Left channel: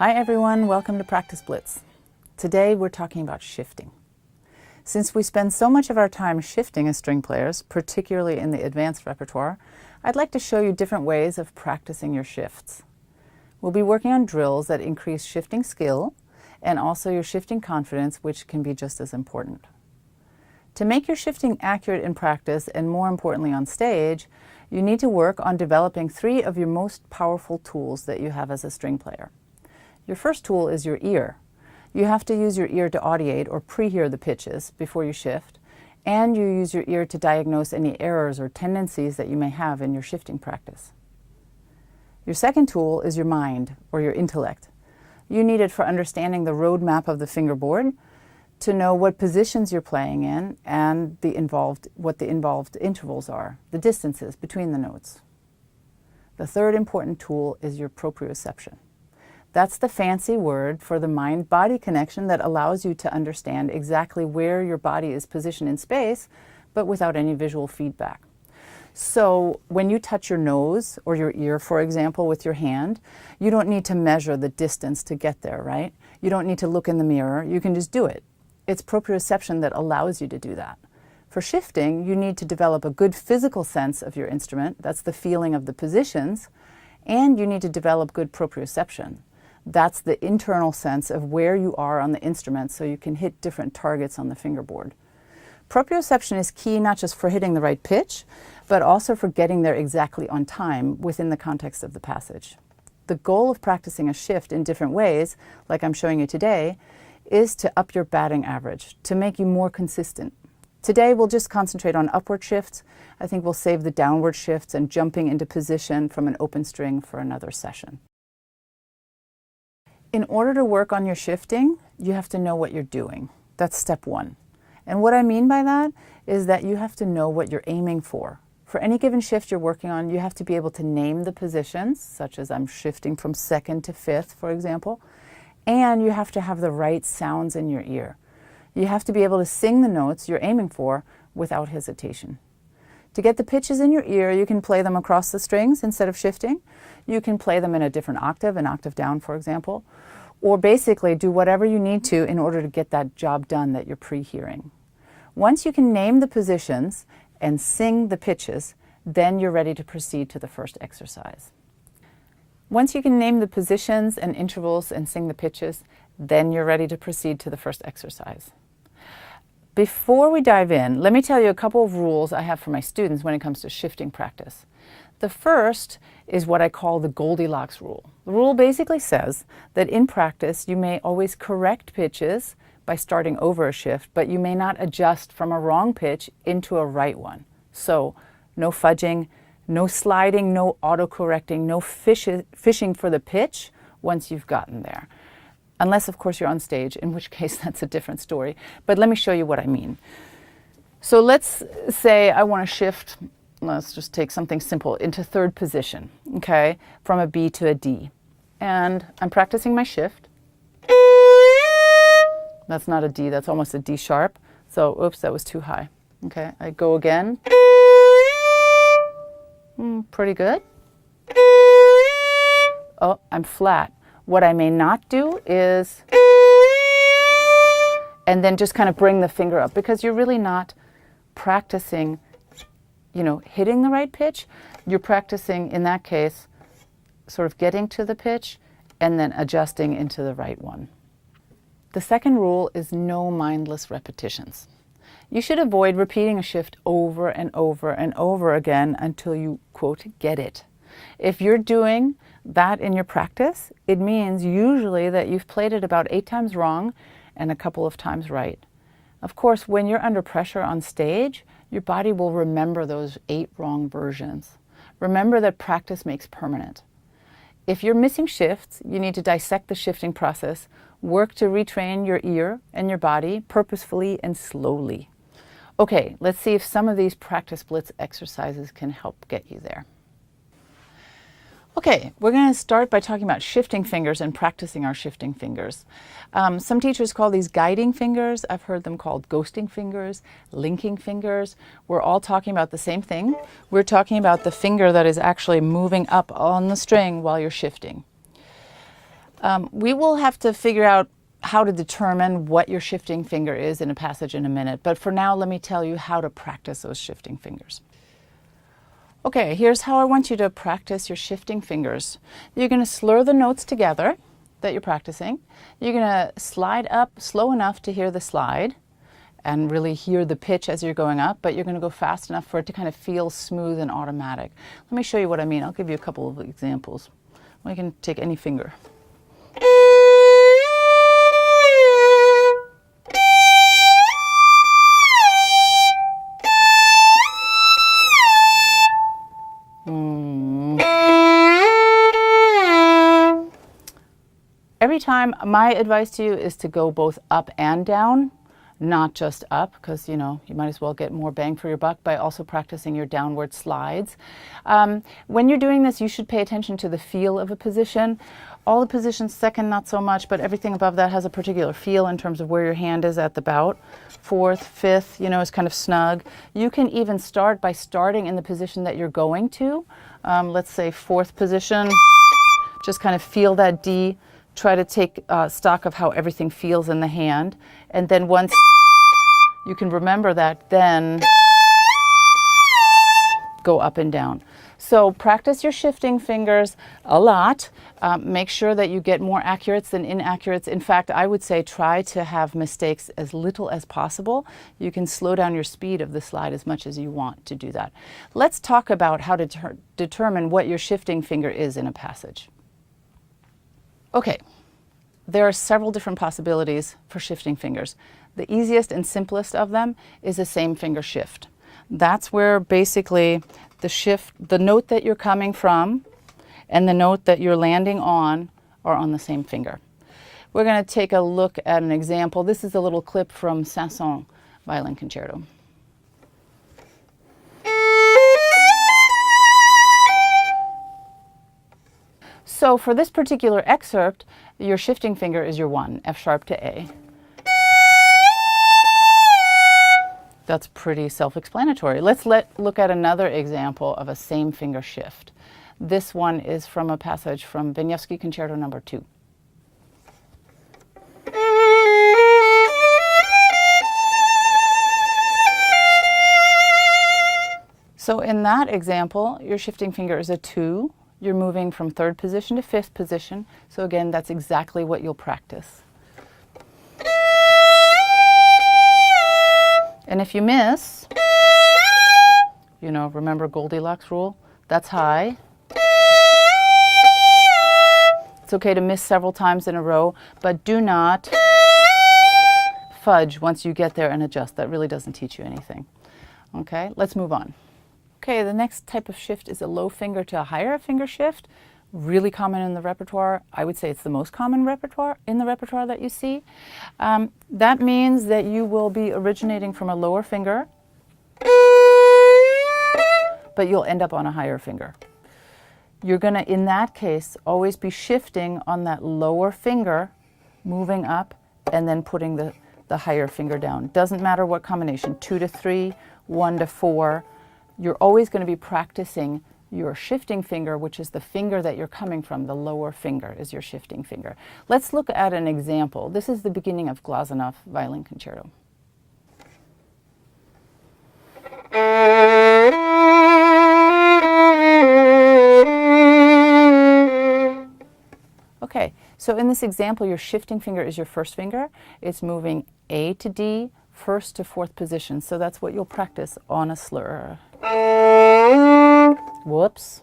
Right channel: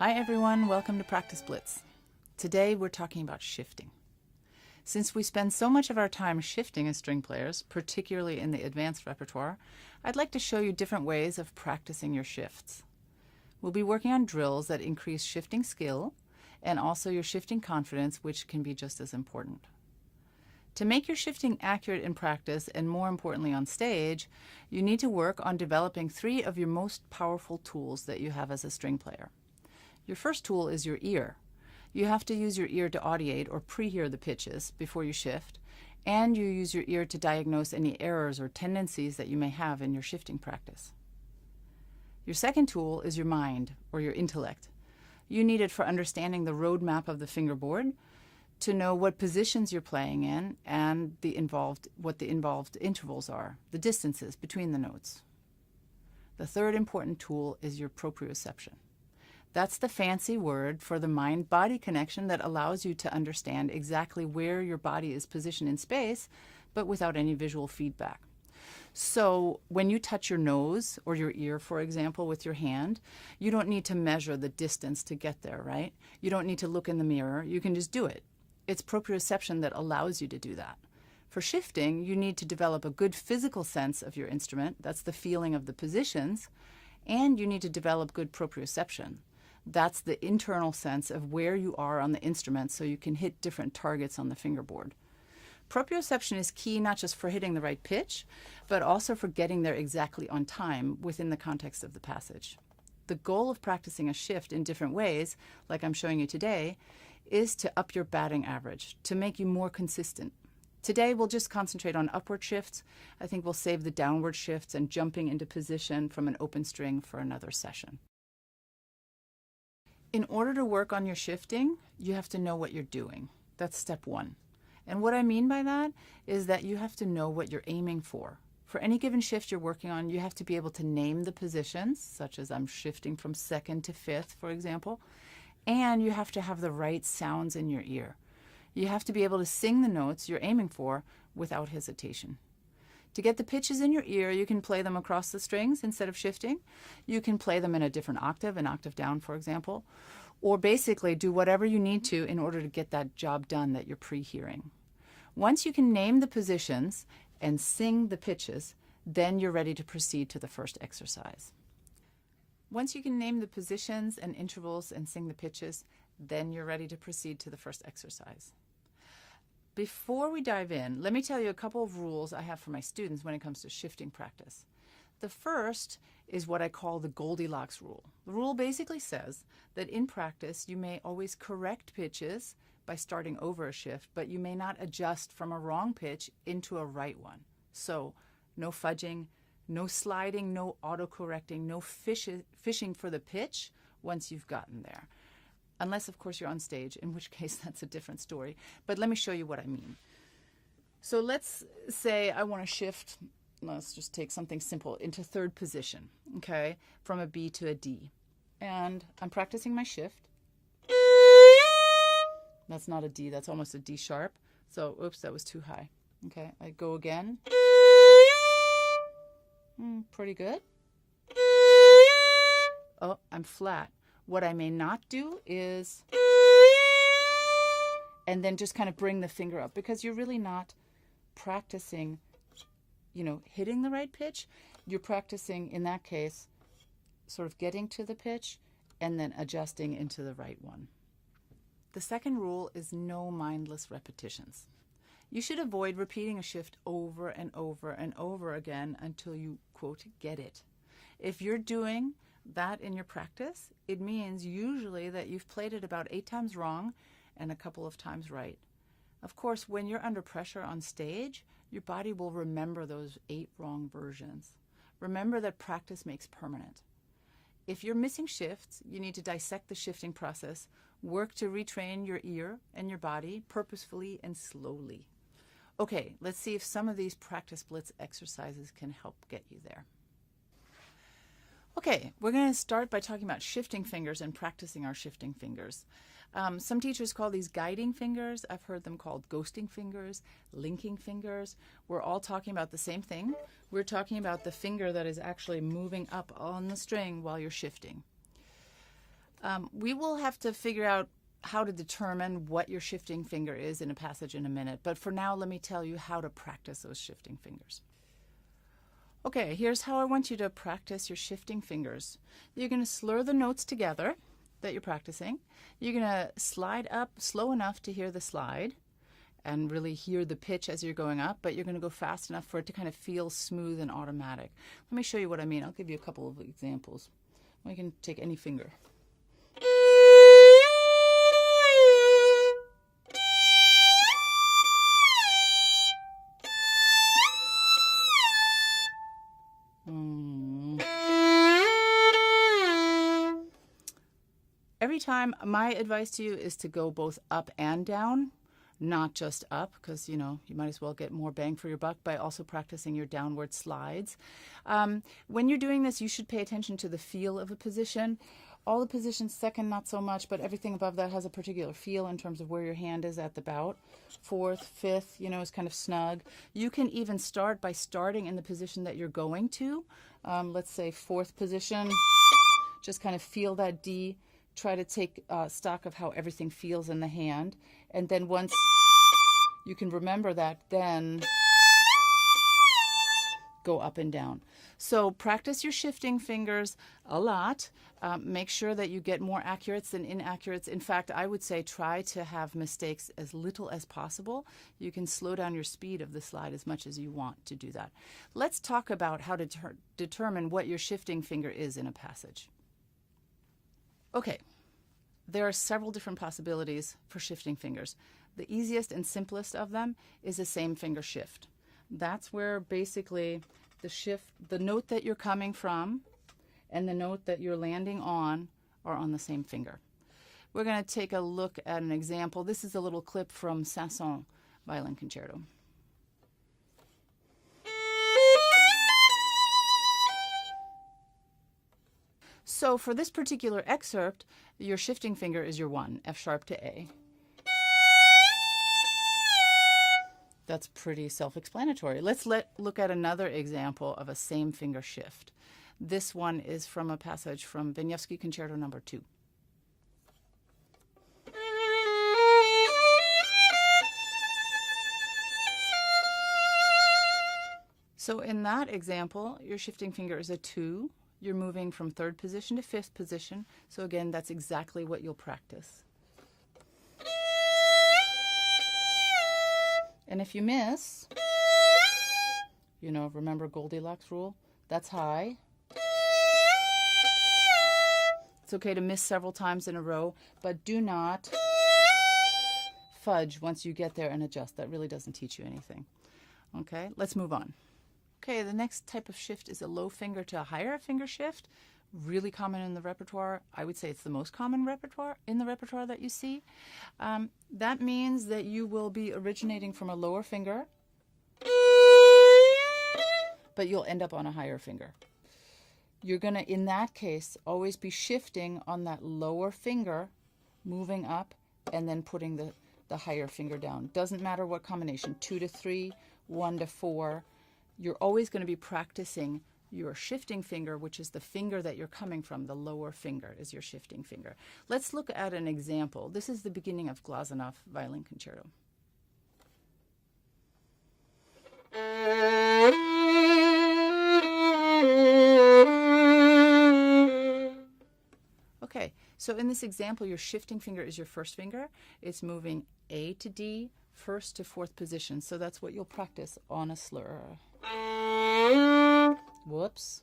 Hi everyone, welcome to Practice Blitz. Today we're talking about shifting. Since we spend so much of our time shifting as string players, particularly in the advanced repertoire, I'd like to show you different ways of practicing your shifts. We'll be working on drills that increase shifting skill and also your shifting confidence, which can be just as important. To make your shifting accurate in practice and more importantly on stage, you need to work on developing 3 of your most powerful tools that you have as a string player. Your first tool is your ear. You have to use your ear to audiate or pre-hear the pitches before you shift, and you use your ear to diagnose any errors or tendencies that you may have in your shifting practice. Your second tool is your mind or your intellect. You need it for understanding the roadmap of the fingerboard, to know what positions you're playing in and what the involved intervals are, the distances between the notes. The third important tool is your proprioception. That's the fancy word for the mind-body connection that allows you to understand exactly where your body is positioned in space, but without any visual feedback. So when you touch your nose or your ear, for example, with your hand, you don't need to measure the distance to get there, right? You don't need to look in the mirror. You can just do it. It's proprioception that allows you to do that. For shifting, you need to develop a good physical sense of your instrument. That's the feeling of the positions. And you need to develop good proprioception. That's the internal sense of where you are on the instrument so you can hit different targets on the fingerboard. Proprioception is key not just for hitting the right pitch, but also for getting there exactly on time within the context of the passage. The goal of practicing a shift in different ways, like I'm showing you today, is to up your batting average, to make you more consistent. Today we'll just concentrate on upward shifts. I think we'll save the downward shifts and jumping into position from an open string for another session. In order to work on your shifting, you have to know what you're doing. That's step 1. And what I mean by that is that you have to know what you're aiming for. For any given shift you're working on, you have to be able to name the positions, such as I'm shifting from 2nd to 5th, for example, and you have to have the right sounds in your ear. You have to be able to sing the notes you're aiming for without hesitation. To get the pitches in your ear, you can play them across the strings instead of shifting. You can play them in a different octave, an octave down, for example, or basically do whatever you need to in order to get that job done that you're pre-hearing. Once you can name the positions and sing the pitches, then you're ready to proceed to the first exercise. Once you can name the positions and intervals and sing the pitches, then you're ready to proceed to the first exercise. Before we dive in, let me tell you a couple of rules I have for my students when it comes to shifting practice. The first is what I call the Goldilocks rule. The rule basically says that in practice you may always correct pitches by starting over a shift, but you may not adjust from a wrong pitch into a right one. So no fudging, no sliding, no auto-correcting, no fishing for the pitch once you've gotten there. Unless, of course, you're on stage, in which case that's a different story. But let me show you what I mean. So let's say I want to shift, let's just take something simple, into 3rd position, okay, from a B to a D. And I'm practicing my shift. That's not a D, that's almost a D sharp. So, oops, that was too high. Okay, I go again. Pretty good. Oh, I'm flat. What I may not do is, and then just kind of bring the finger up, because you're really not practicing, hitting the right pitch. You're practicing, in that case, sort of getting to the pitch and then adjusting into the right one. The second rule is no mindless repetitions. You should avoid repeating a shift over and over and over again until you, quote, get it. If you're doing that in your practice, it means usually that you've played it about 8 times wrong and a couple of times right. Of course, when you're under pressure on stage, your body will remember those 8 wrong versions. Remember that practice makes permanent. If you're missing shifts, you need to dissect the shifting process, work to retrain your ear and your body purposefully and slowly. Okay, let's see if some of these practice blitz exercises can help get you there. Okay, we're going to start by talking about shifting fingers and practicing our shifting fingers. Some teachers call these guiding fingers. I've heard them called ghosting fingers, linking fingers. We're all talking about the same thing. We're talking about the finger that is actually moving up on the string while you're shifting. We will have to figure out how to determine what your shifting finger is in a passage in a minute, but for now let me tell you how to practice those shifting fingers. Okay, here's how I want you to practice your shifting fingers. You're going to slur the notes together that you're practicing. You're going to slide up slow enough to hear the slide and really hear the pitch as you're going up, but you're going to go fast enough for it to kind of feel smooth and automatic. Let me show you what I mean. I'll give you a couple of examples. Well, you can take any finger. Every time, my advice to you is to go both up and down, not just up, because you might as well get more bang for your buck by also practicing your downward slides. When you're doing this, you should pay attention to the feel of a position. All the positions second, not so much, but everything above that has a particular feel in terms of where your hand is at the bout. Fourth, fifth, is kind of snug. You can even start by starting in the position that you're going to. Let's say fourth position, just kind of feel that D. Try to take stock of how everything feels in the hand. And then once you can remember that, then go up and down. So practice your shifting fingers a lot. Make sure that you get more accurates than inaccurates. In fact, I would say try to have mistakes as little as possible. You can slow down your speed of the slide as much as you want to do that. Let's talk about how to determine what your shifting finger is in a passage. Okay, there are several different possibilities for shifting fingers. The easiest and simplest of them is a same finger shift. That's where basically the note that you're coming from and the note that you're landing on are on the same finger. We're going to take a look at an example. This is a little clip from Ranson Violin Concerto. So for this particular excerpt, your shifting finger is your 1, F sharp to A. That's pretty self-explanatory. Let's look at another example of a same finger shift. This one is from a passage from Violin Concerto No. 2. So in that example, your shifting finger is a 2. You're moving from 3rd position to 5th position. So again, that's exactly what you'll practice. And if you miss, remember Goldilocks rule? That's high. It's okay to miss several times in a row, but do not fudge once you get there and adjust. That really doesn't teach you anything. Okay, let's move on. Okay, the next type of shift is a low finger to a higher finger shift. Really common in the repertoire. I would say it's the most common in the repertoire that you see. That means that you will be originating from a lower finger, but you'll end up on a higher finger. You're going to, in that case, always be shifting on that lower finger, moving up, and then putting the higher finger down. Doesn't matter what combination, 2 to 3, 1 to 4. You're always going to be practicing your shifting finger, which is the finger that you're coming from. The lower finger is your shifting finger. Let's look at an example. This is the beginning of Glazunov Violin Concerto. Okay, so in this example, your shifting finger is your first finger. It's moving A to D, 1st to 4th position. So that's what you'll practice on a slur. Whoops.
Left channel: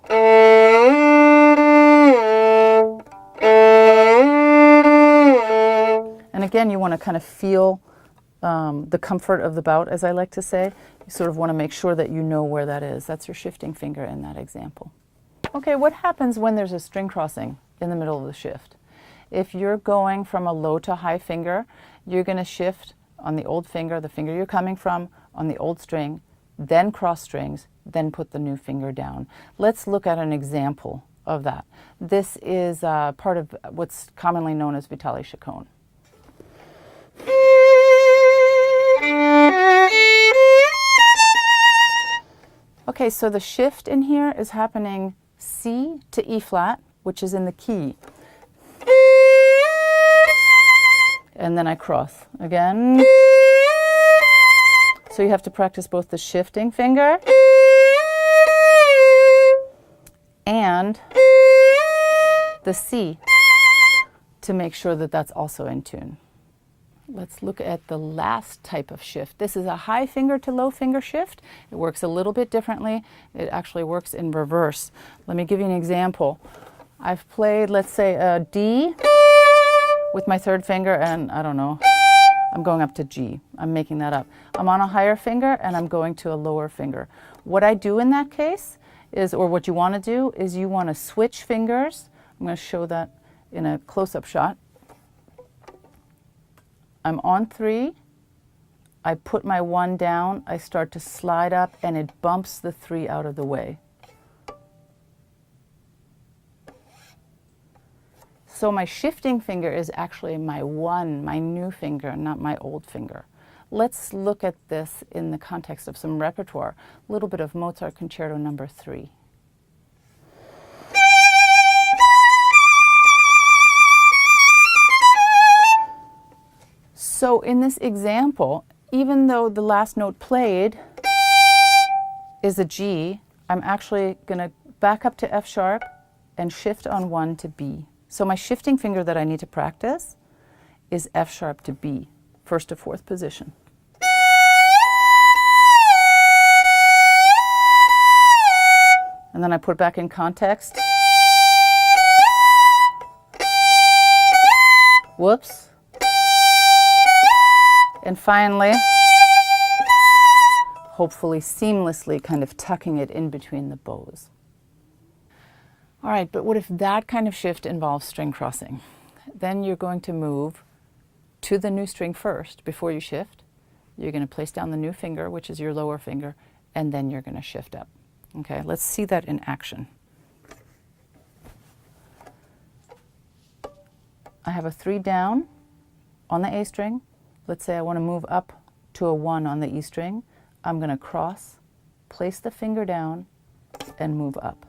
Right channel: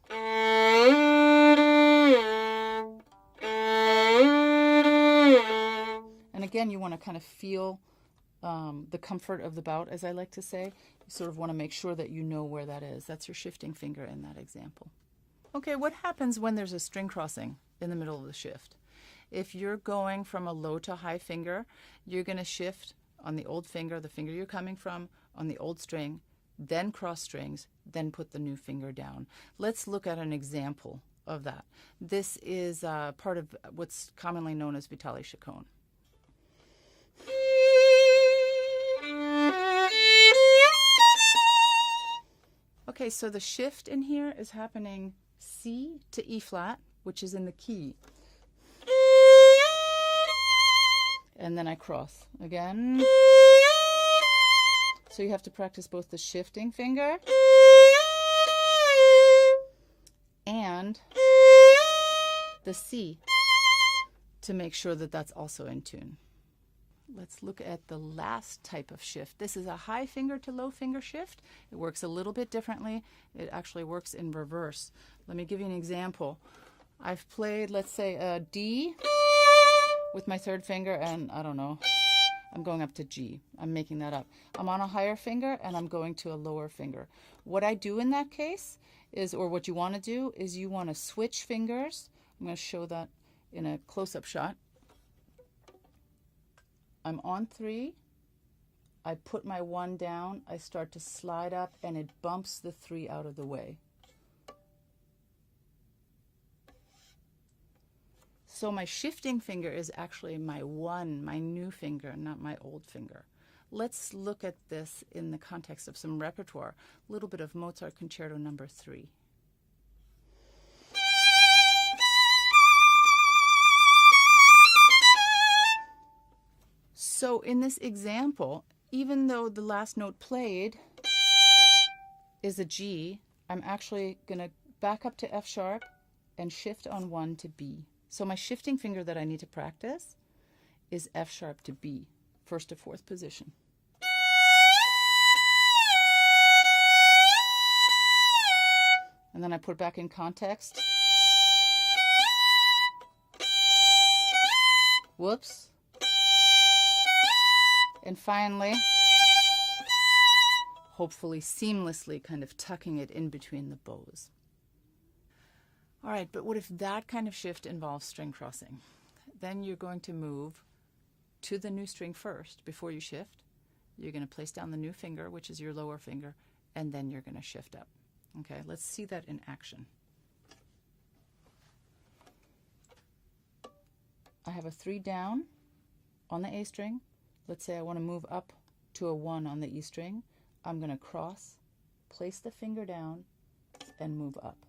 And again, you want to kind of feel the comfort of the bout, as I like to say. You sort of want to make sure that you know where that is. That's your shifting finger in that example. Okay, what happens when there's a string crossing in the middle of the shift? If you're going from a low to high finger, you're going to shift on the old finger, the finger you're coming from, on the old string, then cross strings, then put the new finger down. Let's look at an example of that. This is part of what's commonly known as Vitaly Chaconne. Okay, so the shift in here is happening C to E flat, which is in the key. and then I cross again. So you have to practice both the shifting finger and the C to make sure that that's also in tune. Let's look at the last type of shift. This is a high finger to low finger shift. It works a little bit differently. It actually works in reverse. Let me give you an example. I've played, let's say, a D with my third finger, and I don't know, I'm going up to G. I'm making that up. I'm on a higher finger and I'm going to a lower finger. What I do in that case is, or what you want to do, is you want to switch fingers. I'm going to show that in a close-up shot. I'm on 3. I put my 1 down. I start to slide up and it bumps the 3 out of the way. So my shifting finger is actually my 1, my new finger, not my old finger. Let's look at this in the context of some repertoire. A little bit of Mozart Concerto No. 3. So in this example, even though the last note played is a G, I'm actually going to back up to F sharp and shift on 1 to B. So my shifting finger that I need to practice is F sharp to B, 1st to 4th position. And then I put it back in context. Whoops. And finally, hopefully seamlessly kind of tucking it in between the bows. All right, but what if that kind of shift involves string crossing? Then you're going to move to the new string first before you shift. You're going to place down the new finger, which is your lower finger, and then you're going to shift up. Okay, let's see that in action. I have a 3 down on the A string. Let's say I want to move up to a 1 on the E string. I'm going to cross, place the finger down, and move up.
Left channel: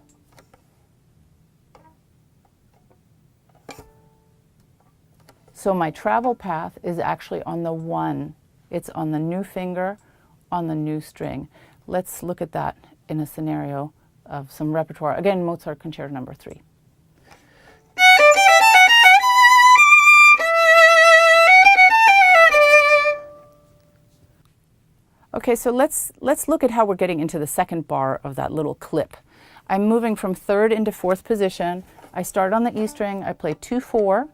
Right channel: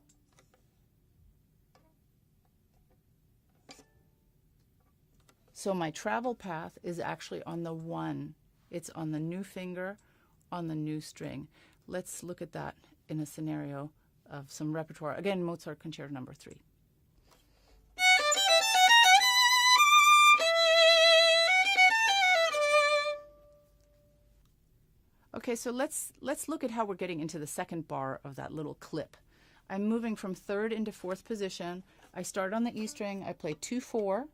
So my travel path is actually on the 1. It's on the new finger, on the new string. Let's look at that in a scenario of some repertoire. Again, Mozart Concerto No. 3. Okay, so let's look at how we're getting into the second bar of that little clip. I'm moving from 3rd into 4th position. I start on the E string, I play 2-4,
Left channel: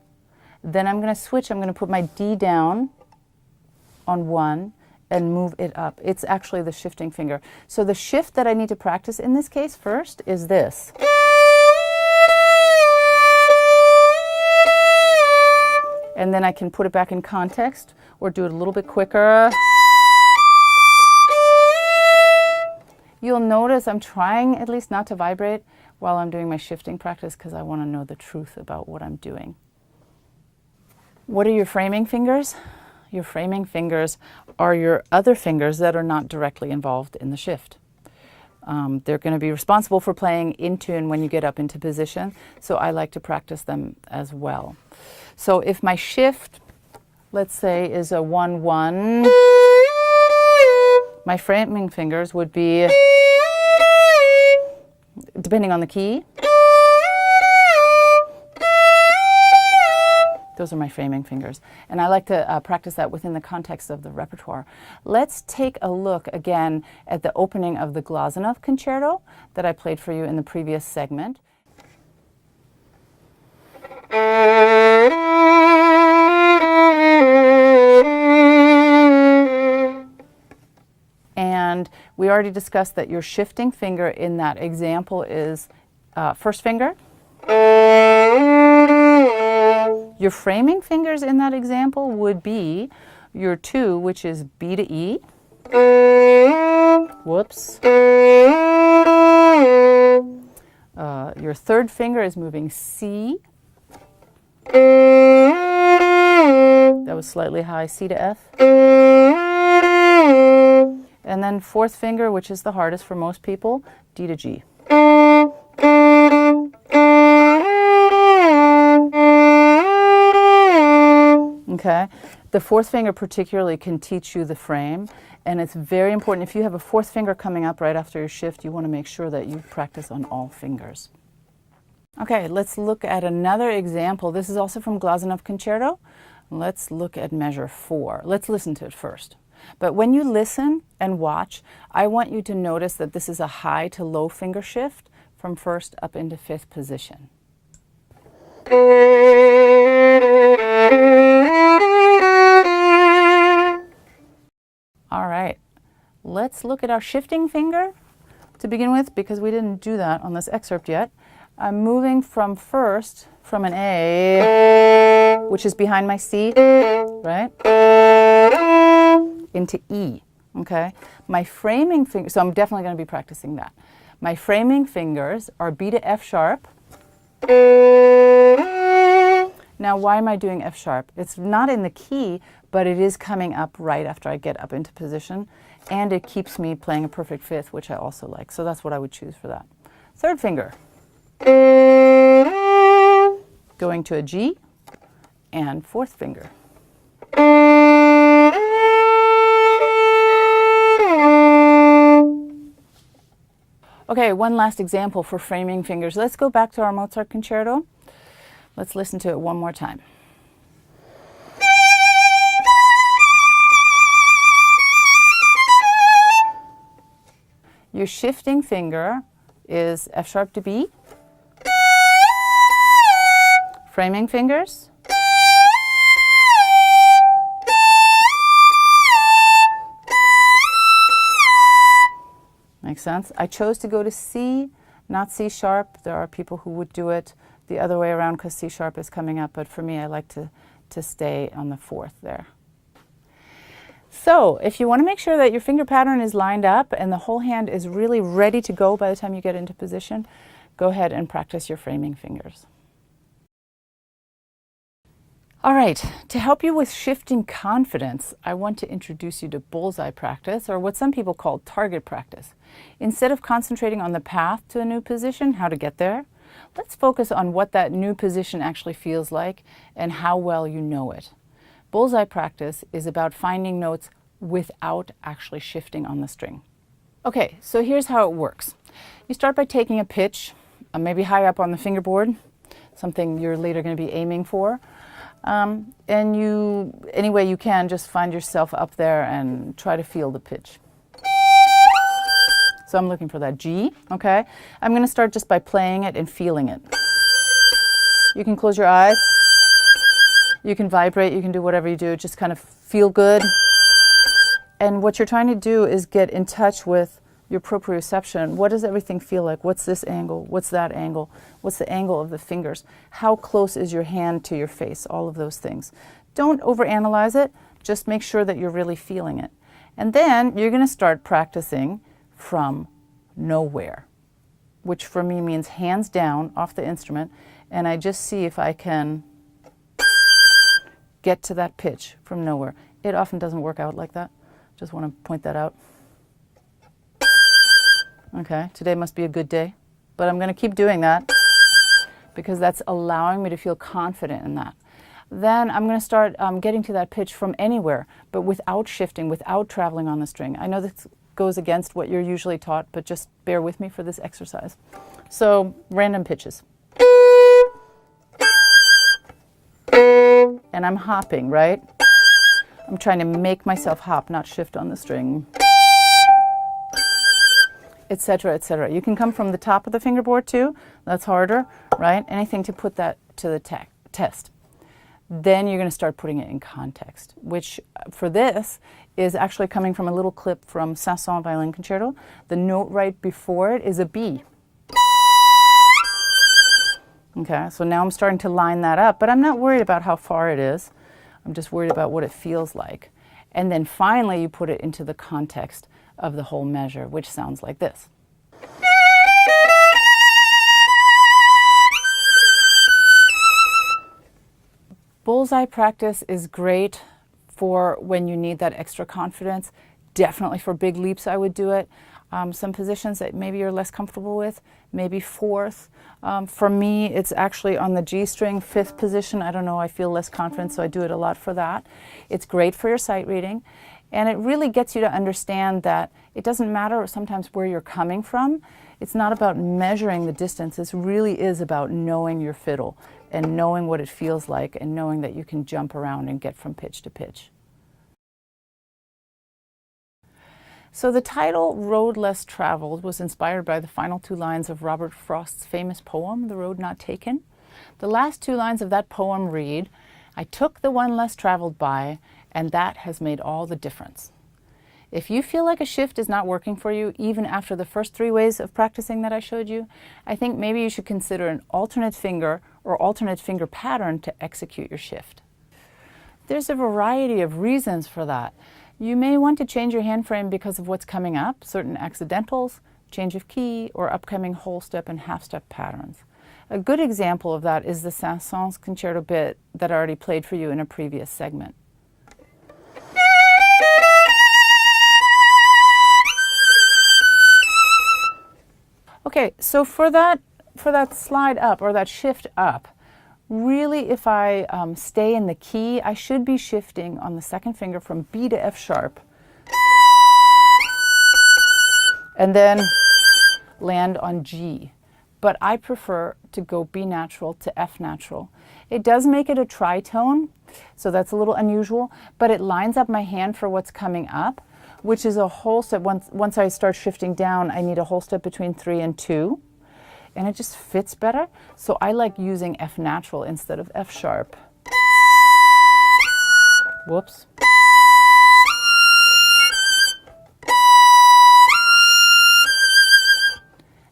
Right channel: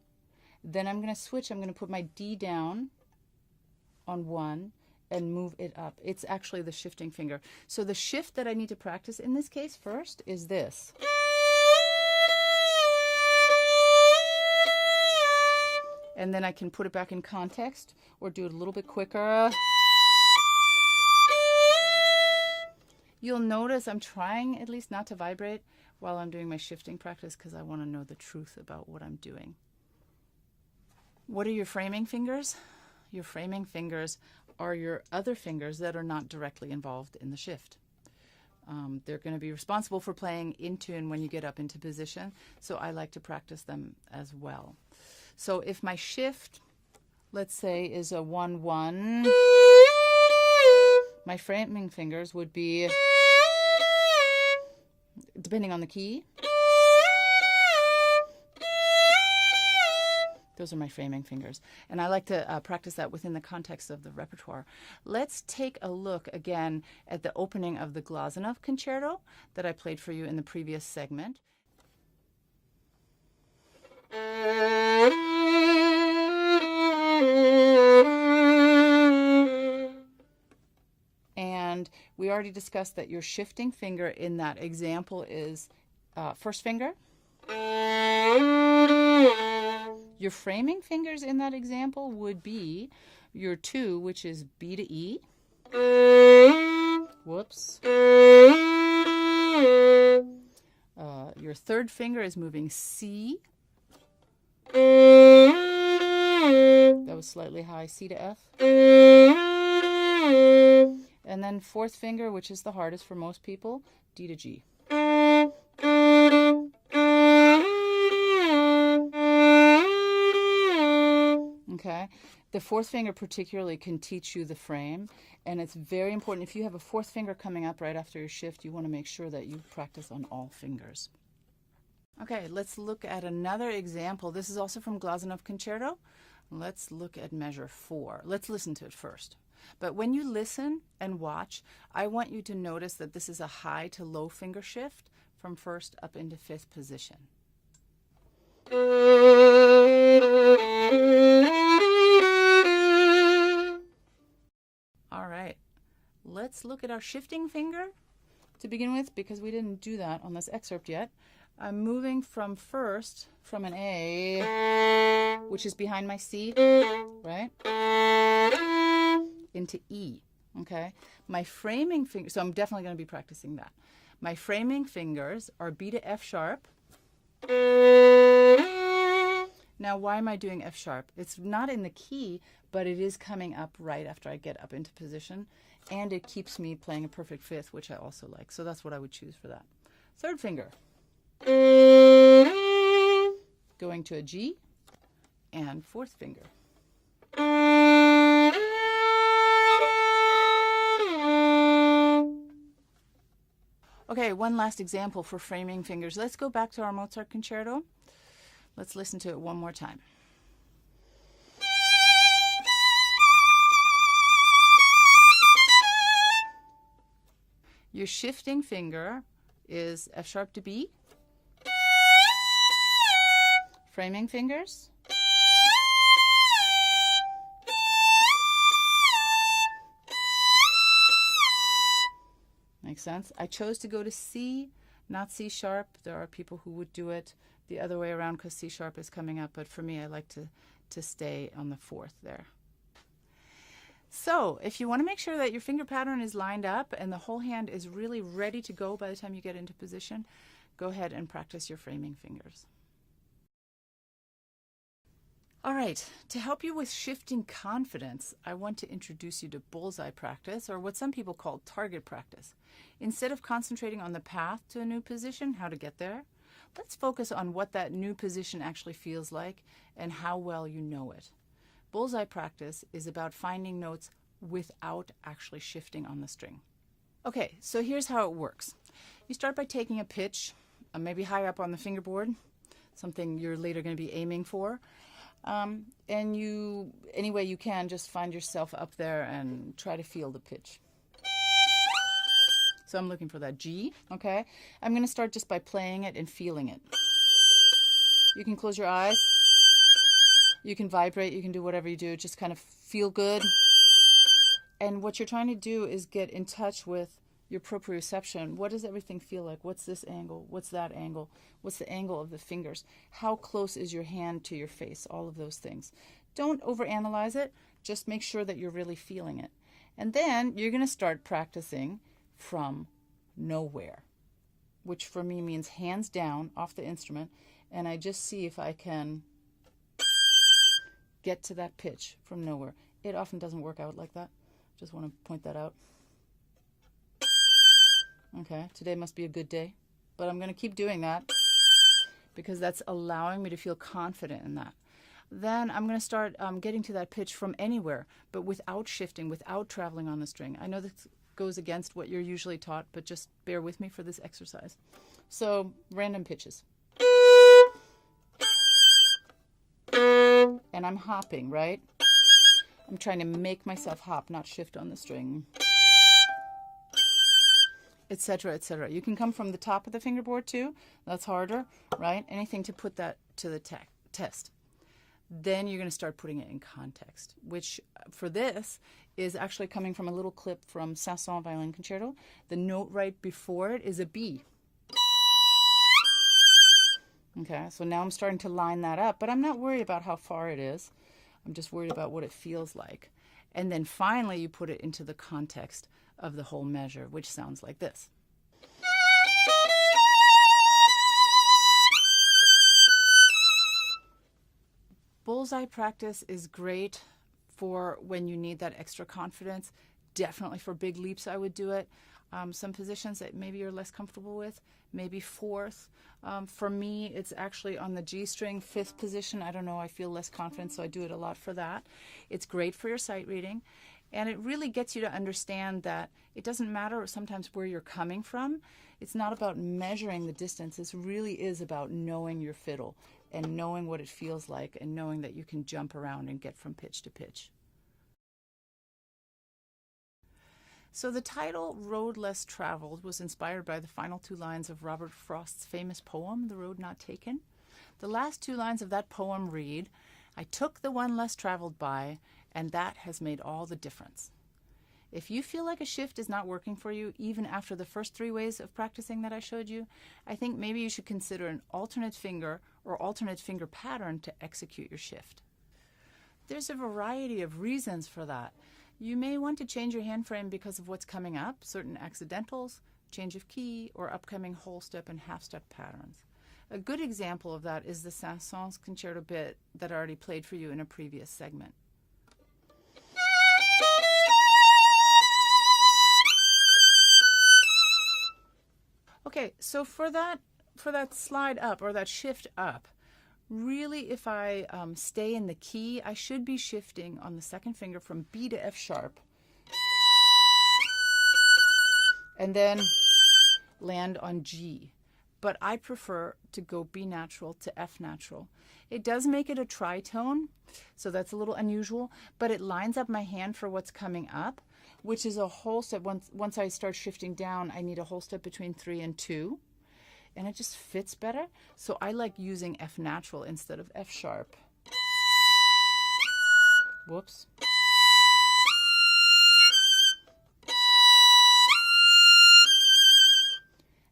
then I'm going to switch, I'm going to put my D down on 1 and move it up. It's actually the shifting finger. So the shift that I need to practice in this case first is this. And then I can put it back in context or do it a little bit quicker. You'll notice I'm trying at least not to vibrate while I'm doing my shifting practice because I want to know the truth about what I'm doing. What are your framing fingers? Your framing fingers are your other fingers that are not directly involved in the shift. They're going to be responsible for playing in tune when you get up into position, so I like to practice them as well. So if my shift, let's say, is a 1-1, my framing fingers would be, depending on the key, those are my framing fingers. And I like to practice that within the context of the repertoire. Let's take a look again at the opening of the Glazunov Concerto that I played for you in the previous segment. And we already discussed that your shifting finger in that example is first finger. Your framing fingers in that example would be your 2, which is B to E. Whoops. Your third finger is moving C. That was slightly high, C to F. And then fourth finger, which is the hardest for most people, D to G. okay? The fourth finger particularly can teach you the frame, and it's very important. If you have a fourth finger coming up right after your shift, you want to make sure that you practice on all fingers. Okay, let's look at another example. This is also from Glazunov Concerto. Let's look at measure 4. Let's listen to it first. But when you listen and watch, I want you to notice that this is a high to low finger shift from first up into fifth position. All right, let's look at our shifting finger to begin with, because we didn't do that on this excerpt yet. I'm moving from first, from an A, which is behind my C, right, into E, okay? My framing finger, so I'm definitely going to be practicing that. My framing fingers are B to F sharp. Now, why am I doing F sharp? It's not in the key, but it is coming up right after I get up into position, and it keeps me playing a perfect fifth, which I also like. So that's what I would choose for that. Third finger, going to a G, and fourth finger. Okay, one last example for framing fingers. Let's go back to our Mozart concerto. Let's listen to it one more time. Your shifting finger is F sharp to B. Framing fingers. Makes sense? I chose to go to C, not C sharp. There are people who would do it the other way around because C sharp is coming up, but for me, I like to stay on the fourth there. So if you want to make sure that your finger pattern is lined up and the whole hand is really ready to go by the time you get into position, go ahead and practice your framing fingers. All right, to help you with shifting confidence, I want to introduce you to Bullseye Practice, or what some people call target practice. Instead of concentrating on the path to a new position, how to get there, let's focus on what that new position actually feels like and how well you know it. Bullseye Practice is about finding notes without actually shifting on the string. Okay, so here's how it works. You start by taking a pitch, maybe high up on the fingerboard, something you're later going to be aiming for. And you, any way you can, just find yourself up there and try to feel the pitch. So I'm looking for that G, okay? I'm going to start just by playing it and feeling it. You can close your eyes. You can vibrate. You can do whatever you do. Just kind of feel good. And what you're trying to do is get in touch with your proprioception. What does everything feel like? What's this angle? What's that angle? What's the angle of the fingers? How close is your hand to your face? All of those things. Don't overanalyze it. Just make sure that you're really feeling it. And then you're going to start practicing from nowhere, which for me means hands down off the instrument, and I just see if I can get to that pitch from nowhere. It often doesn't work out like that. Just want to point that out. Okay, today must be a good day, but I'm going to keep doing that because that's allowing me to feel confident in that. Then I'm going to start getting to that pitch from anywhere, but without shifting, without traveling on the string. I know this goes against what you're usually taught, but just bear with me for this exercise. So, random pitches. And I'm hopping, right? I'm trying to make myself hop, not shift on the string. Etc., etc. You can come from the top of the fingerboard too. That's harder, right? Anything to put that to the test. Then you're going to start putting it in context, which for this is actually coming from a little clip from Saint-Saëns Violin Concerto. The note right before it is a B. Okay, so now I'm starting to line that up, but I'm not worried about how far it is. I'm just worried about what it feels like. And then finally you put it into the context of the whole measure, which sounds like this. Bullseye practice is great for when you need that extra confidence. Definitely for big leaps I would do it. Some positions that maybe you're less comfortable with, maybe fourth. For me, it's actually on the G string, fifth position. I don't know, I feel less confident, so I do it a lot for that. It's great for your sight reading, and it really gets you to understand that it doesn't matter sometimes where you're coming from. It's not about measuring the distance. This really is about knowing your fiddle and knowing what it feels like and knowing that you can jump around and get from pitch to pitch. So the title, Road Less Traveled, was inspired by the final two lines of Robert Frost's famous poem, The Road Not Taken. The last two lines of that poem read, "I took the one less traveled by, and that has made all the difference." If you feel like a shift is not working for you, even after the first 3 ways of practicing that I showed you, I think maybe you should consider an alternate finger or alternate finger pattern to execute your shift. There's a variety of reasons for that. You may want to change your hand frame because of what's coming up, certain accidentals, change of key, or upcoming whole step and half step patterns. A good example of that is the Saint-Saëns concerto bit that I already played for you in a previous segment. Okay, so for that slide up or that shift up, really if I stay in the key, I should be shifting on the second finger from B to F sharp and then land on G. But I prefer to go B natural to F natural. It does make it a tritone, so that's a little unusual, but it lines up my hand for what's coming up, which is a whole step. Once I start shifting down, I need a whole step between 3 and 2, and it just fits better. So I like using F natural instead of F sharp. Whoops.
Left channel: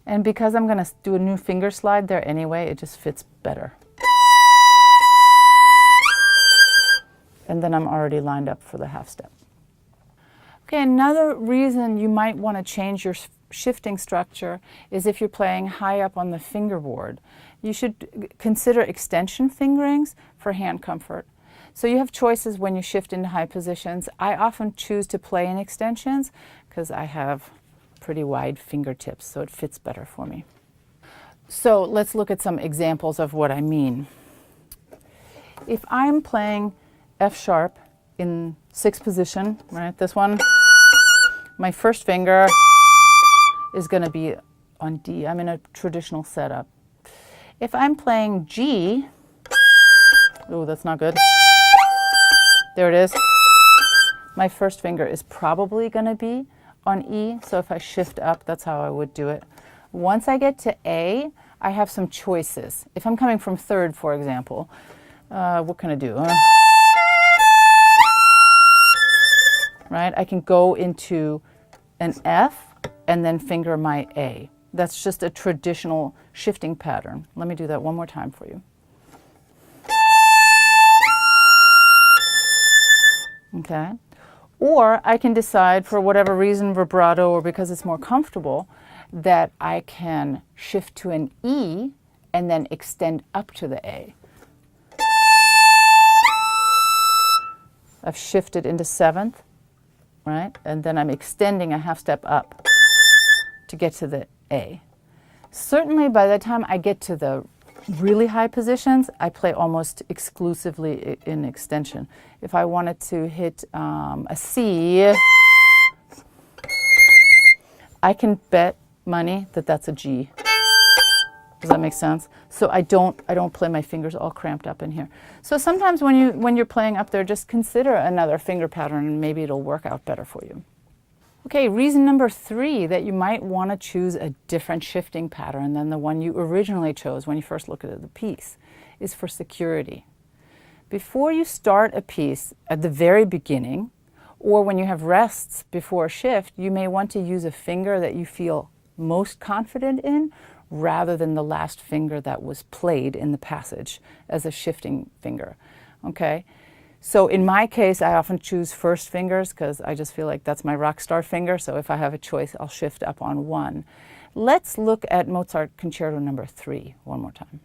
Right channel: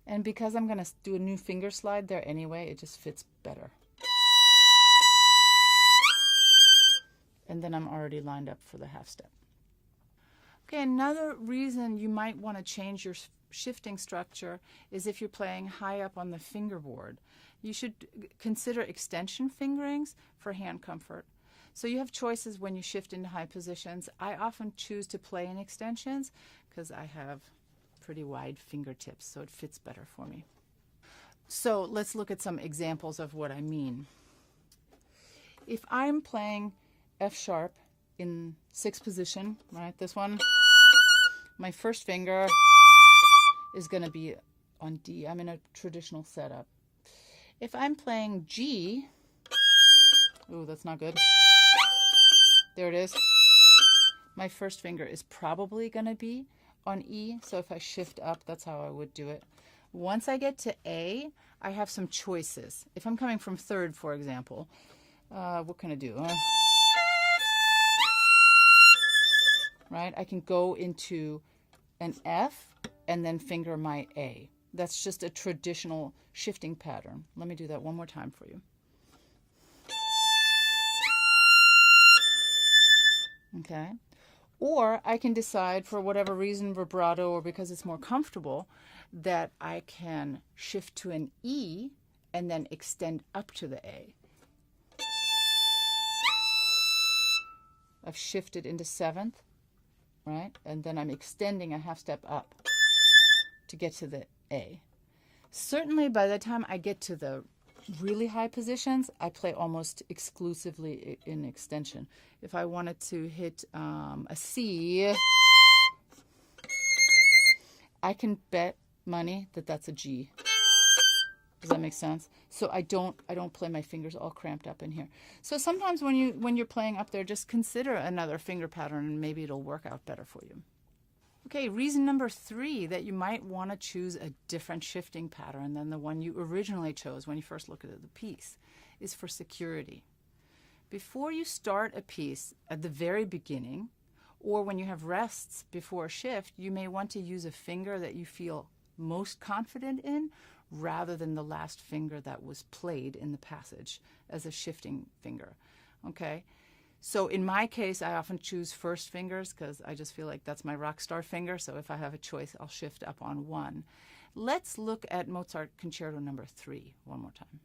And because I'm going to do a new finger slide there anyway, it just fits better. And then I'm already lined up for the half step. Okay, another reason you might want to change your shifting structure is if you're playing high up on the fingerboard. You should consider extension fingerings for hand comfort. So you have choices when you shift into high positions. I often choose to play in extensions because I have pretty wide fingertips, so it fits better for me. So let's look at some examples of what I mean. If I'm playing F sharp in 6th position, right, this one, my first finger is going to be on D. I'm in a traditional setup. If I'm playing G, oh, that's not good. There it is. My first finger is probably going to be on E, so if I shift up, that's how I would do it. Once I get to A, I have some choices. If I'm coming from 3rd, for example, what can I do? Right? I can go into an F and then finger my A. That's just a traditional shifting pattern. Let me do that one more time for you. Okay. Or I can decide, for whatever reason, vibrato or because it's more comfortable, that I can shift to an E and then extend up to the A. I've shifted into 7th, right? And then I'm extending a half step up to get to the A. Certainly by the time I get to the really high positions, I play almost exclusively in extension. If I wanted to hit a C, I can bet money that that's a G. Does that make sense? So I don't play my fingers all cramped up in here. So sometimes when you're playing up there, just consider another finger pattern and maybe it'll work out better for you. Okay, reason number 3 that you might want to choose a different shifting pattern than the one you originally chose when you first looked at the piece is for security. Before you start a piece at the very beginning, or when you have rests before a shift, you may want to use a finger that you feel most confident in rather than the last finger that was played in the passage as a shifting finger. Okay? So in my case, I often choose first fingers because I just feel like that's my rock star finger. So if I have a choice, I'll shift up on 1. Let's look at Mozart Concerto number 3 one more time.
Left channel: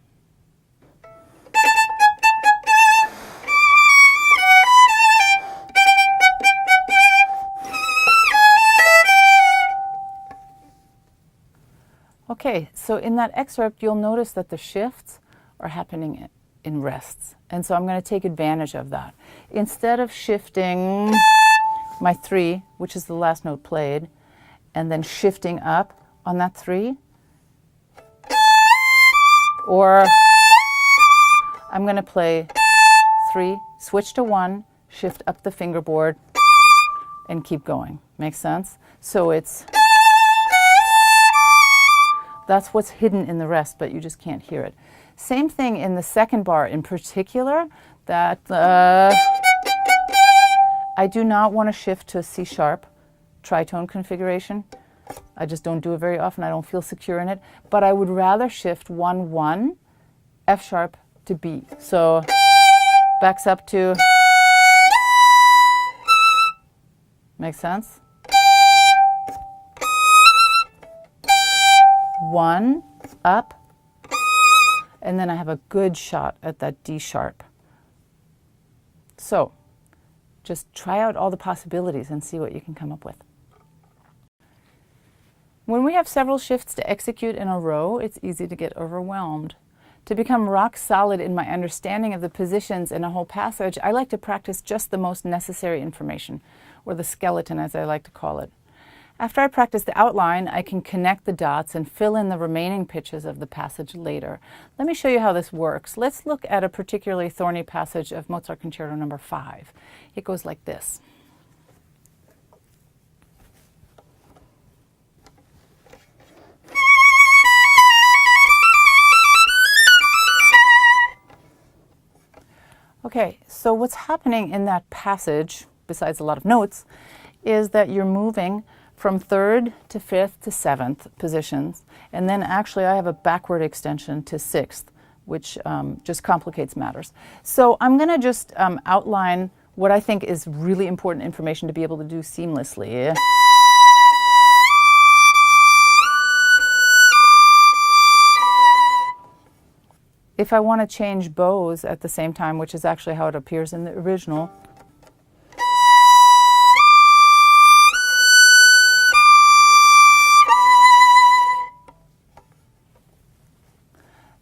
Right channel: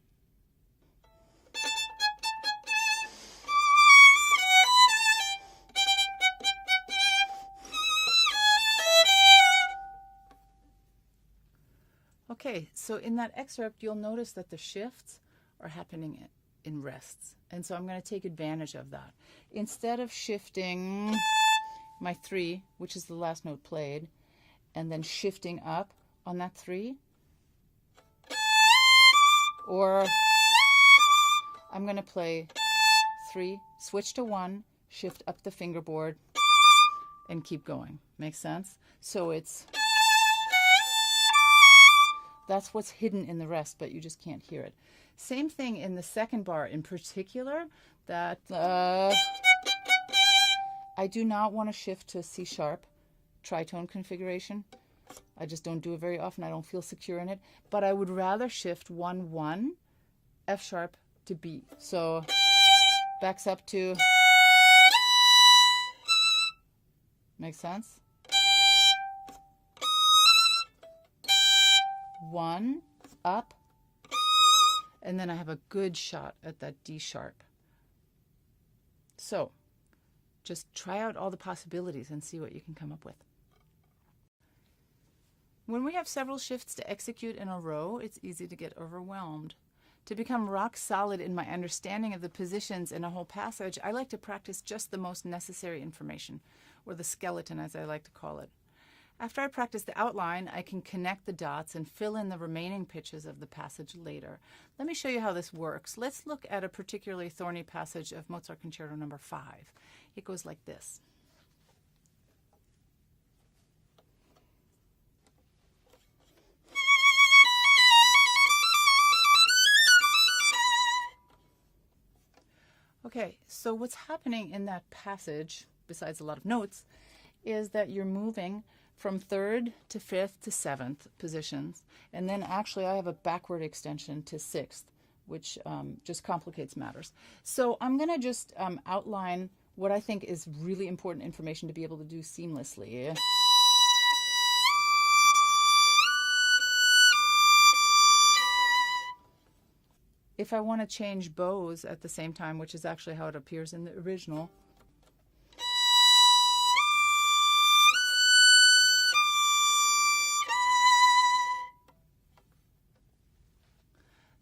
Okay, so in that excerpt, you'll notice that the shifts are happening in rests. And so I'm going to take advantage of that. Instead of shifting my 3, which is the last note played, and then shifting up on that 3, or I'm going to play 3, switch to 1, shift up the fingerboard, and keep going. Makes sense? So that's what's hidden in the rest, but you just can't hear it. Same thing in the second bar in particular, that I do not want to shift to a C sharp tritone configuration. I just don't do it very often. I don't feel secure in it. But I would rather shift 1, 1, F sharp to B. So backs up to, makes sense? 1, up, and then I have a good shot at that D sharp. So just try out all the possibilities and see what you can come up with. When we have several shifts to execute in a row, it's easy to get overwhelmed. To become rock solid in my understanding of the positions in a whole passage, I like to practice just the most necessary information, or the skeleton as I like to call it. After I practice the outline, I can connect the dots and fill in the remaining pitches of the passage later. Let me show you how this works. Let's look at a particularly thorny passage of Mozart Concerto No. 5. It goes like this. Okay, so what's happening in that passage, besides a lot of notes, is that you're moving from 3rd to 5th to 7th positions, and then actually I have a backward extension to 6th, which just complicates matters. So I'm going to just outline what I think is really important information to be able to do seamlessly. If I want to change bows at the same time, which is actually how it appears in the original,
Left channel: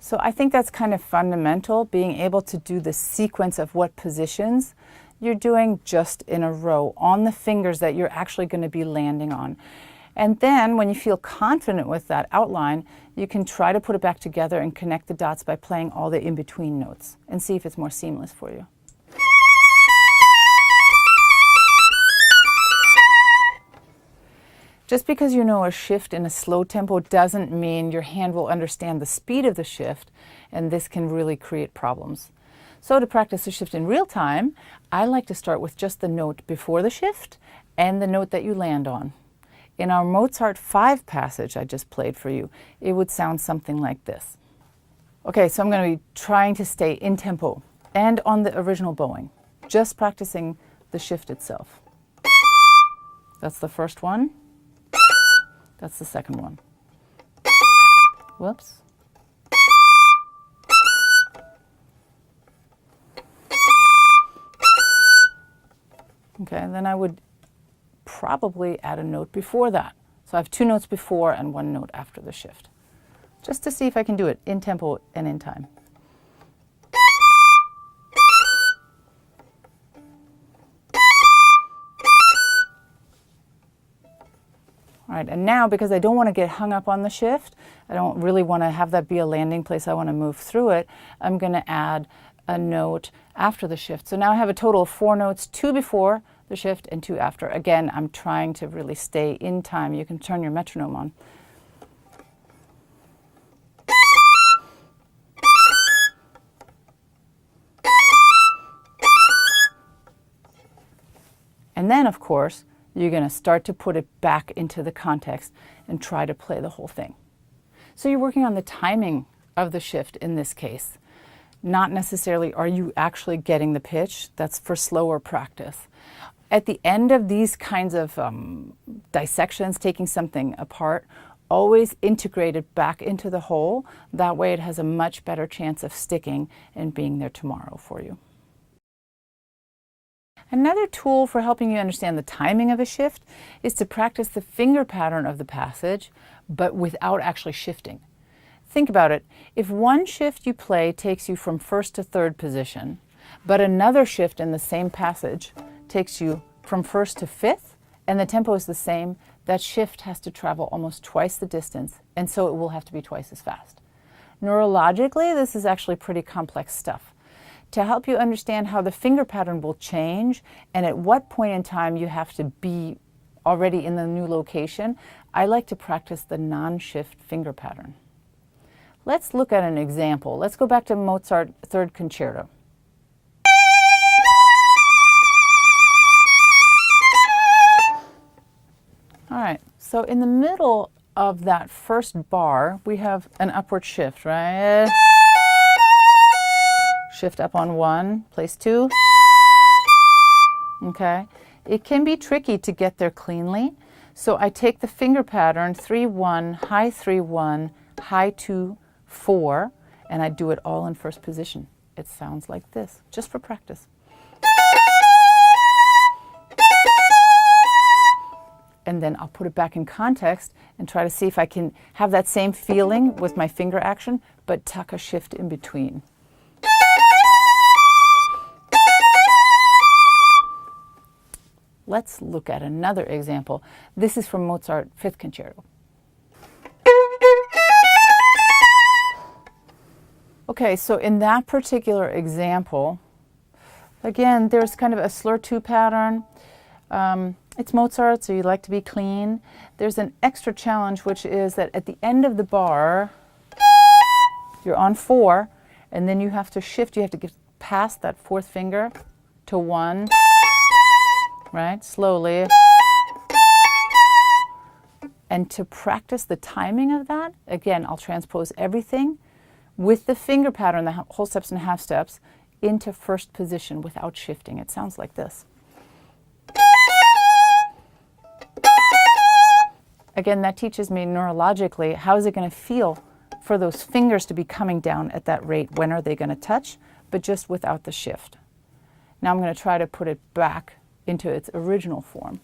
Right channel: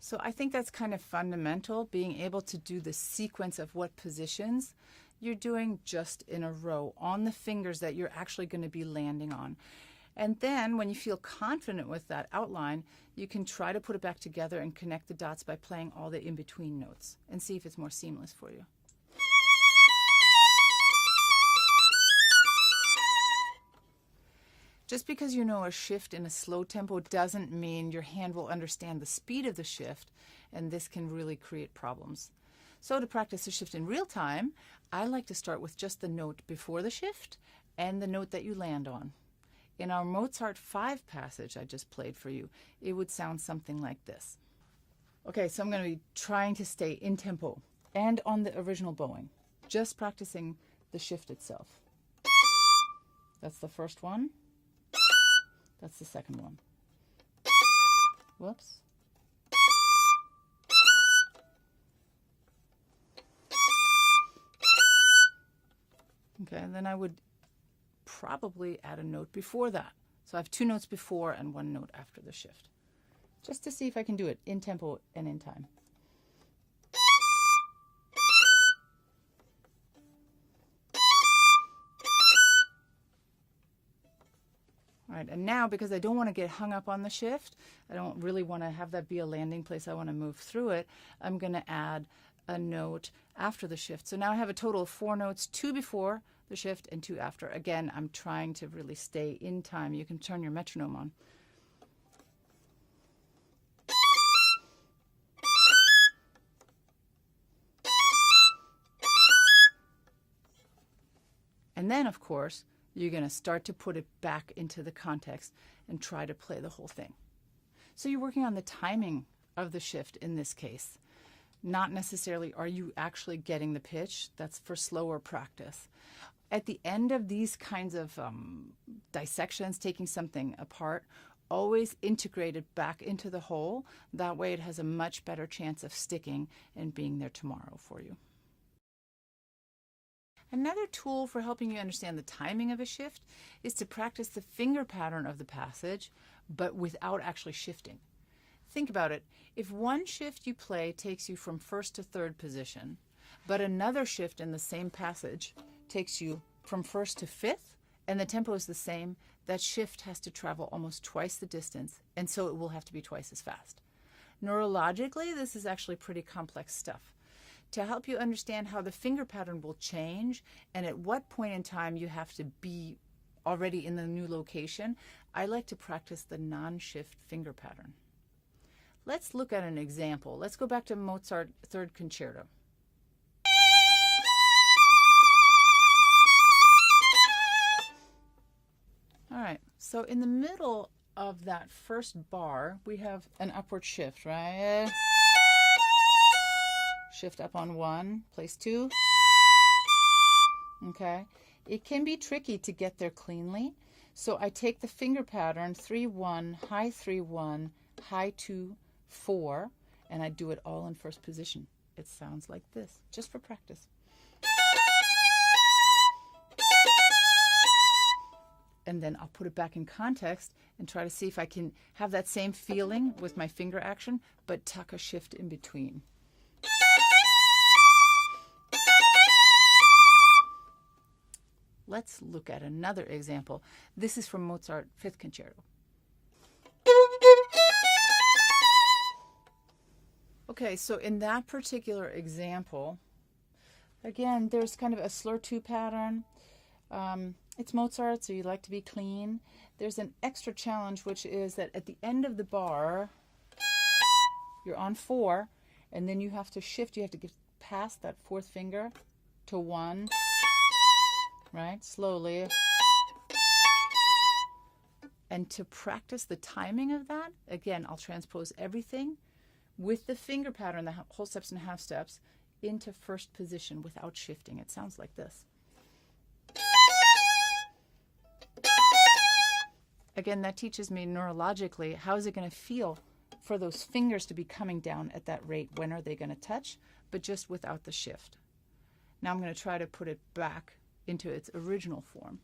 so I think that's kind of fundamental, being able to do the sequence of what positions you're doing just in a row on the fingers that you're actually going to be landing on. And then when you feel confident with that outline, you can try to put it back together and connect the dots by playing all the in-between notes and see if it's more seamless for you. Just because you know a shift in a slow tempo doesn't mean your hand will understand the speed of the shift, and this can really create problems. So to practice the shift in real time, I like to start with just the note before the shift and the note that you land on. In our Mozart 5 passage I just played for you, it would sound something like this. Okay, so I'm going to be trying to stay in tempo and on the original bowing, just practicing the shift itself. That's the first one. That's the second one. Whoops. Okay, and then I would probably add a note before that. So I have 2 notes before and 1 note after the shift, just to see if I can do it in tempo and in time. All right, and now because I don't want to get hung up on the shift, I don't really want to have that be a landing place, I want to move through it, I'm going to add a note after the shift. So now I have a total of 4 notes, 2 before the shift and 2 after. Again, I'm trying to really stay in time. You can turn your metronome on. And then, of course, you're going to start to put it back into the context and try to play the whole thing. So you're working on the timing of the shift in this case. Not necessarily are you actually getting the pitch. That's for slower practice. At the end of these kinds of dissections, taking something apart, always integrate it back into the whole. That way it has a much better chance of sticking and being there tomorrow for you. Another tool for helping you understand the timing of a shift is to practice the finger pattern of the passage, but without actually shifting. Think about it. If one shift you play takes you from first to third position, but another shift in the same passage takes you from first to fifth, and the tempo is the same, that shift has to travel almost twice the distance, and so it will have to be twice as fast. Neurologically, this is actually pretty complex stuff. To help you understand how the finger pattern will change and at what point in time you have to be already in the new location, I like to practice the non-shift finger pattern. Let's look at an example. Let's go back to Mozart Third Concerto. All right, so in the middle of that first bar, we have an upward shift, right? Shift up on 1, place 2. Okay, it can be tricky to get there cleanly, so I take the finger pattern 3-1, high 3-1, high 2-4, and I do it all in first position. It sounds like this, just for practice. And then I'll put it back in context and try to see if I can have that same feeling with my finger action, but tuck a shift in between. Let's look at another example. This is from Mozart Fifth Concerto. Okay, so in that particular example, again, there's kind of a slur 2 pattern. It's Mozart, so you like to be clean. There's an extra challenge, which is that at the end of the bar, you're on 4, and then you have to shift. You have to get past that 4th finger to 1, right? Slowly. And to practice the timing of that, again, I'll transpose everything with the finger pattern, the whole steps and half steps, into first position without shifting. It sounds like this. Again, that teaches me neurologically, how is it going to feel for those fingers to be coming down at that rate? When are they going to touch? But just without the shift. Now I'm going to try to put it back into its original form.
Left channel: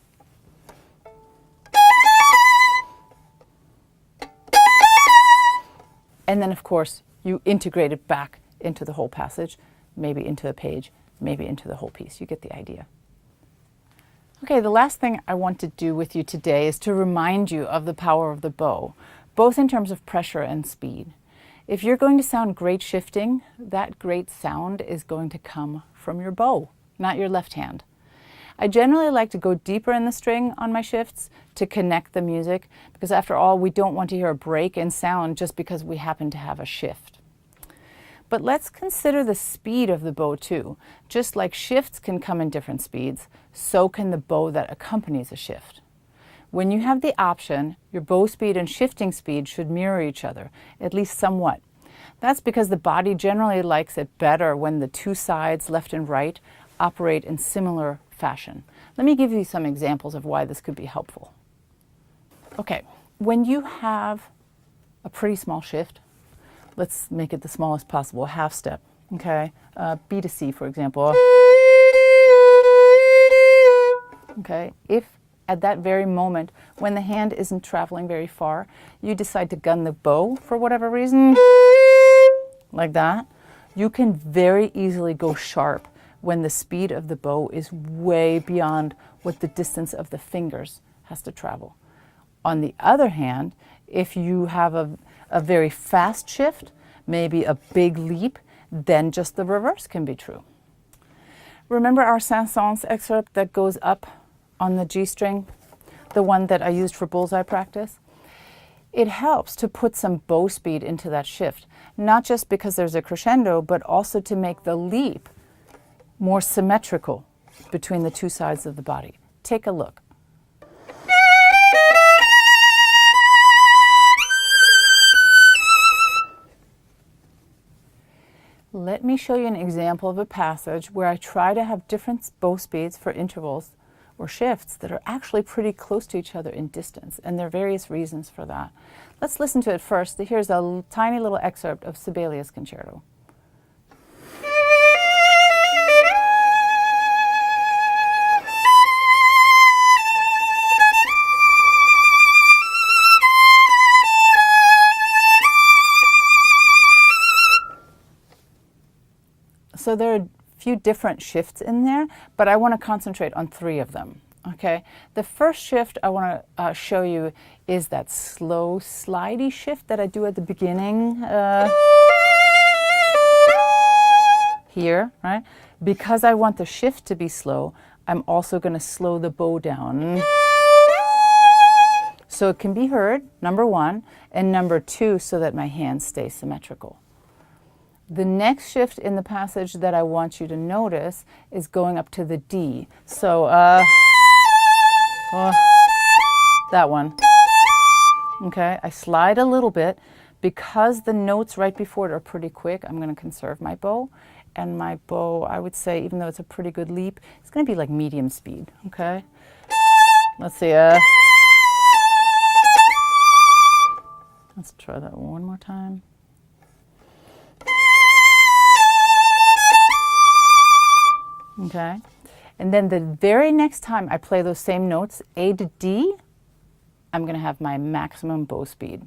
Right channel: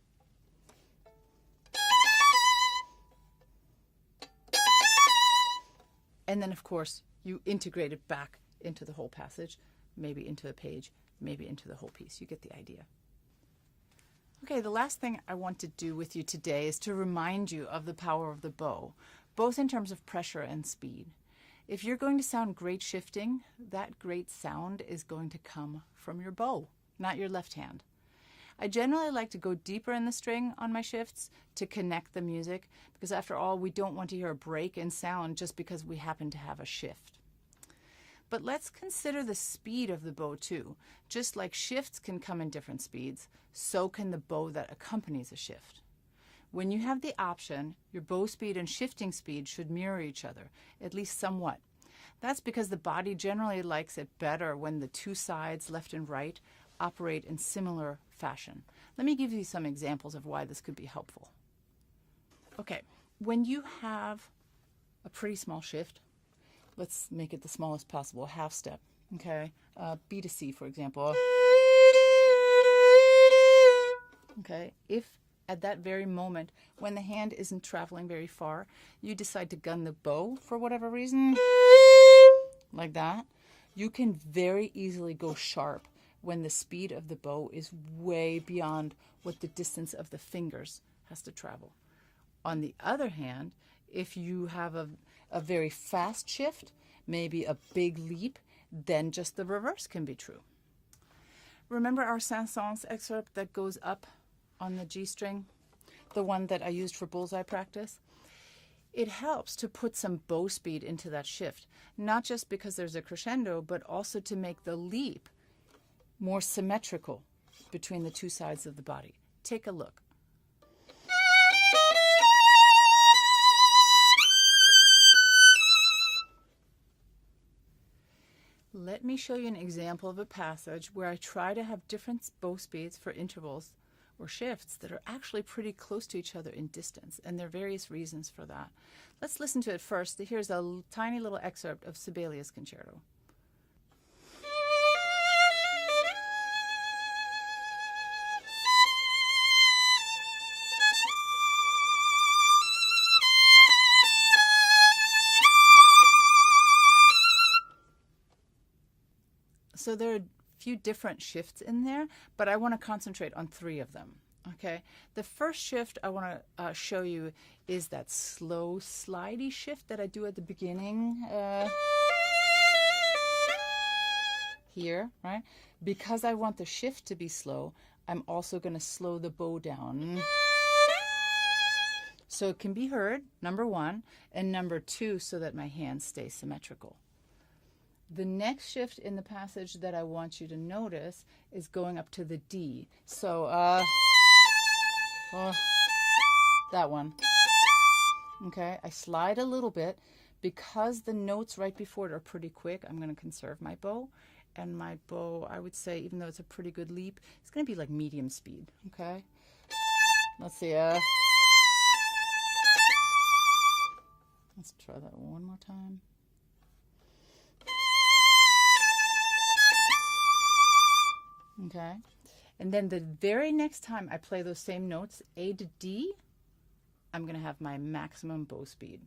And then, of course, you integrate it back into the whole passage, maybe into a page, maybe into the whole piece. You get the idea. Okay, the last thing I want to do with you today is to remind you of the power of the bow, both in terms of pressure and speed. If you're going to sound great shifting, that great sound is going to come from your bow, not your left hand. I generally like to go deeper in the string on my shifts to connect the music, because after all, we don't want to hear a break in sound just because we happen to have a shift. But let's consider the speed of the bow too. Just like shifts can come in different speeds, so can the bow that accompanies a shift. When you have the option, your bow speed and shifting speed should mirror each other, at least somewhat. That's because the body generally likes it better when the two sides, left and right, operate in similar fashion. Let me give you some examples of why this could be helpful. Okay, when you have a pretty small shift, let's make it the smallest possible, half step, okay? B to C, for example. Okay, if at that very moment, when the hand isn't traveling very far, you decide to gun the bow for whatever reason, like that, you can very easily go sharp when the speed of the bow is way beyond what the distance of the fingers has to travel. On the other hand, if you have a very fast shift, maybe a big leap, then just the reverse can be true. Remember our Saint-Saëns excerpt that goes up on the G string, the one that I used for Bullseye Practice? It helps to put some bow speed into that shift, not just because there's a crescendo, but also to make the leap more symmetrical between the two sides of the body. Take a look. Let me show you an example of a passage where I try to have different bow speeds for intervals or shifts that are actually pretty close to each other in distance, and there are various reasons for that. Let's listen to it first. Here's a tiny little excerpt of Sibelius Concerto. So there are a few different shifts in there, but I want to concentrate on 3 of them. Okay, the first shift I want to show you is that slow, slidey shift that I do at the beginning here, right? Because I want the shift to be slow, I'm also going to slow the bow down. So it can be heard, number 1, and number 2, so that my hands stay symmetrical. The next shift in the passage that I want you to notice is going up to the D. So, that one. Okay, I slide a little bit. Because the notes right before it are pretty quick, I'm going to conserve my bow. And my bow, I would say, even though it's a pretty good leap, it's going to be like medium speed. Okay, let's see. Let's try that one more time. Okay, and then the very next time I play those same notes, A to D, I'm going to have my maximum bow speed,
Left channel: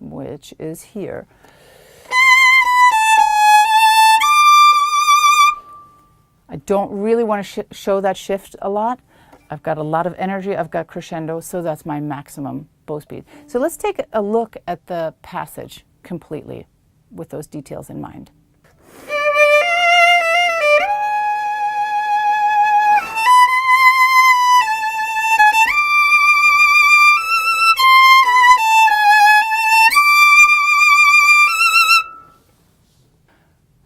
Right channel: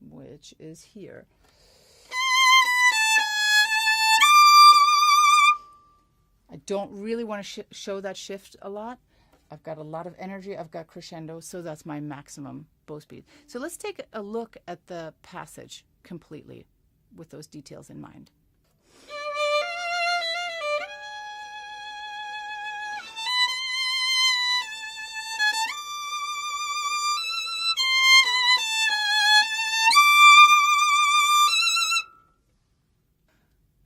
which is here. I don't really want to show that shift a lot. I've got a lot of energy, I've got crescendo, so that's my maximum bow speed. So let's take a look at the passage completely with those details in mind.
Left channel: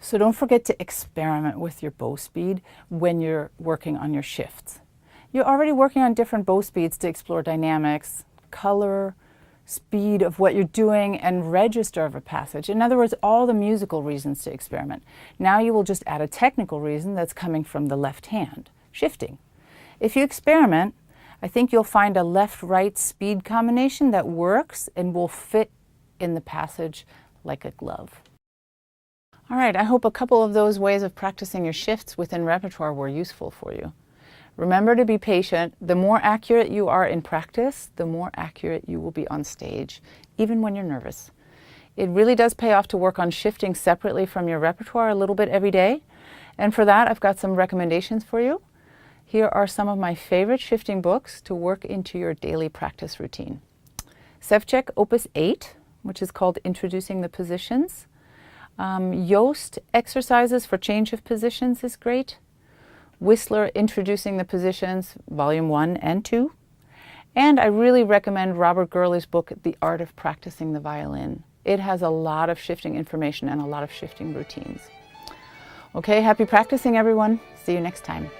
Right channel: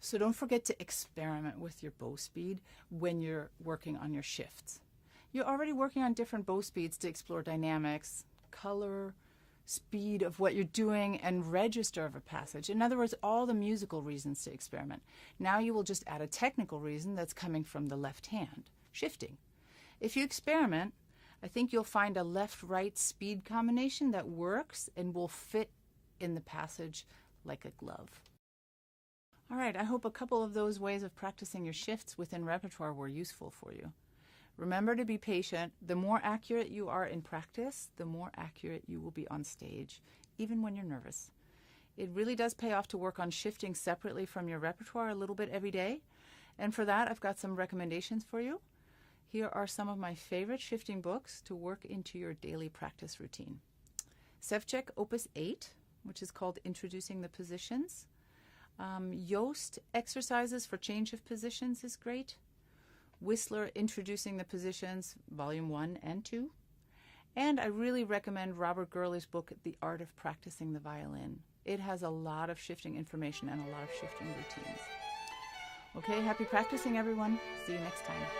So don't forget to experiment with your bow speed when you're working on your shifts. You're already working on different bow speeds to explore dynamics, color, speed of what you're doing, and register of a passage. In other words, all the musical reasons to experiment. Now you will just add a technical reason that's coming from the left hand, shifting. If you experiment, I think you'll find a left-right speed combination that works and will fit in the passage like a glove. All right, I hope a couple of those ways of practicing your shifts within repertoire were useful for you. Remember to be patient. The more accurate you are in practice, the more accurate you will be on stage, even when you're nervous. It really does pay off to work on shifting separately from your repertoire a little bit every day. And for that, I've got some recommendations for you. Here are some of my favorite shifting books to work into your daily practice routine. Sevcek Opus 8, which is called Introducing the Positions. Yoast Exercises for Change of Positions is great. Whistler Introducing the Positions, Volume 1 and 2. And I really recommend Robert Gurley's book, The Art of Practicing the Violin. It has a lot of shifting information and a lot of shifting routines. Okay, happy practicing, everyone. See you next time.